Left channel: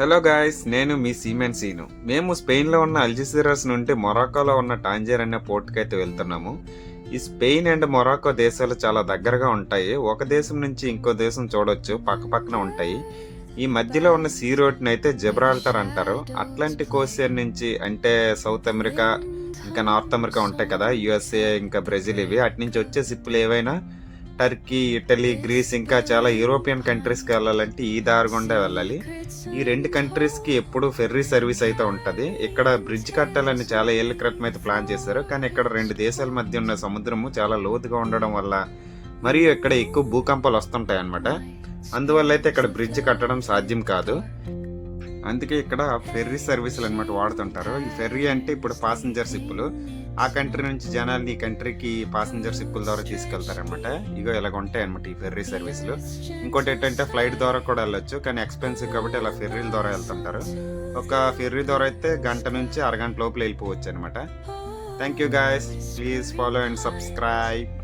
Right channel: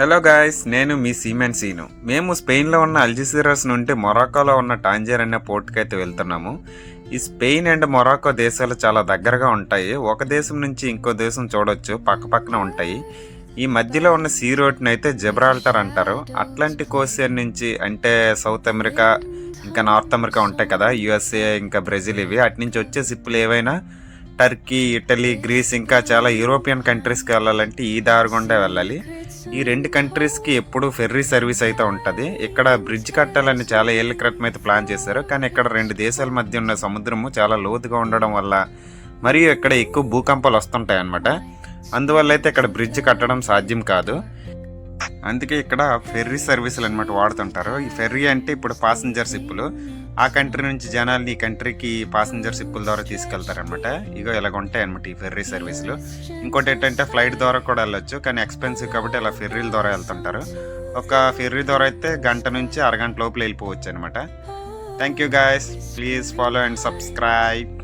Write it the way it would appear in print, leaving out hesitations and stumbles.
Hello guys, నేను మీ siemens scene. మేము స్పెయిన్లో ఉన్న అల్జెసిరాస్ నుండి మొరాకోలో ఉన్న టాంజర్ అనే పోర్ట్కి అయితే వెళ్తున్నాము. ఈ స్పెయిన్ అండ్ మొరాకో దేశాలు చాలా దగ్గరగా ఉంటాయి. ఒక దేశం నుంచి ఇంకో దేశం చూడొచ్చు, పక్క పక్కన ఉంటాయి. ఈ మధ్యలో ఉన్న సీ రోడ్ని అయితే జెబ్రాల్టర్ అంటారు. అట్లాంటిక్ ఓషియన్ నుంచి అంటే సౌత్ అమెరికా ఇంకా నార్త్ అమెరికా ఉంటాయి కదా, యుఎస్ఏ ఇంకా బ్రెజిల్, ఇవి అటు నుంచి వచ్చే షిప్పులు ఏవైనా టర్కీ, ఇటలీ, గ్రీస్ ఇంకా చాలా యూరోపియన్ కంట్రీస్కి వెళ్ళాలంటే ఈ దారి గుండా వెళ్ళాలి. ఈ రెండు కంట్రీస్కి ఎప్పుడు ఫెర్రీ సర్వీస్ అయితే ఉంటుంది. ఇక్కడ బ్రిడ్జ్ కట్టాలని చాలా ఏళ్ళ క్రితం అయితే ప్లాన్ చేశారు, కానీ ఇక్కడ రెండు దేశాల మధ్య ఉన్న సముద్రము చాలా లోతుగా ఉండడం వల్ల మరియు ఇక్కడ ఎక్కువ భూకంపాలు వస్తుంటాయి అన్నమాట. అందువల్ల అయితే ఇక్కడ బ్రిడ్జ్ కట్టడం సాధ్యం కాదు. అందుకే ఇక్కడ ఫెర్రీ సర్వీసులు అనమాట వాడుతుంటారు. ఈ ఫెర్రీ అంటే ఇప్పుడు పాసింజర్ షిప్పులు, ఆ కంట్రీ నుంచి జనాల్ని ఈ కంట్రీకి పాసింజర్ షిప్పుల ద్వారా తీసుకెళ్తారనమాట. ఇగో ఇలాగ ఉంటాయి అనమాట ఈ ఫెర్రీ సర్వీసులు. ఇంకోటి ఏంటంటే ఫ్లైట్ ద్వారా కూడా వెళ్ళొచ్చు, కానీ ఎక్స్పెన్సివ్ కాబట్టి ఇలా ఫెర్రీల ద్వారా వెళ్తుంటారు. ఒక ఫెర్రీ ద్వారా అయితే గంట నుంచి అరగంట లోపల వెళ్ళిపోవచ్చు అనమాట. Thank you guys, please follow and subscribe.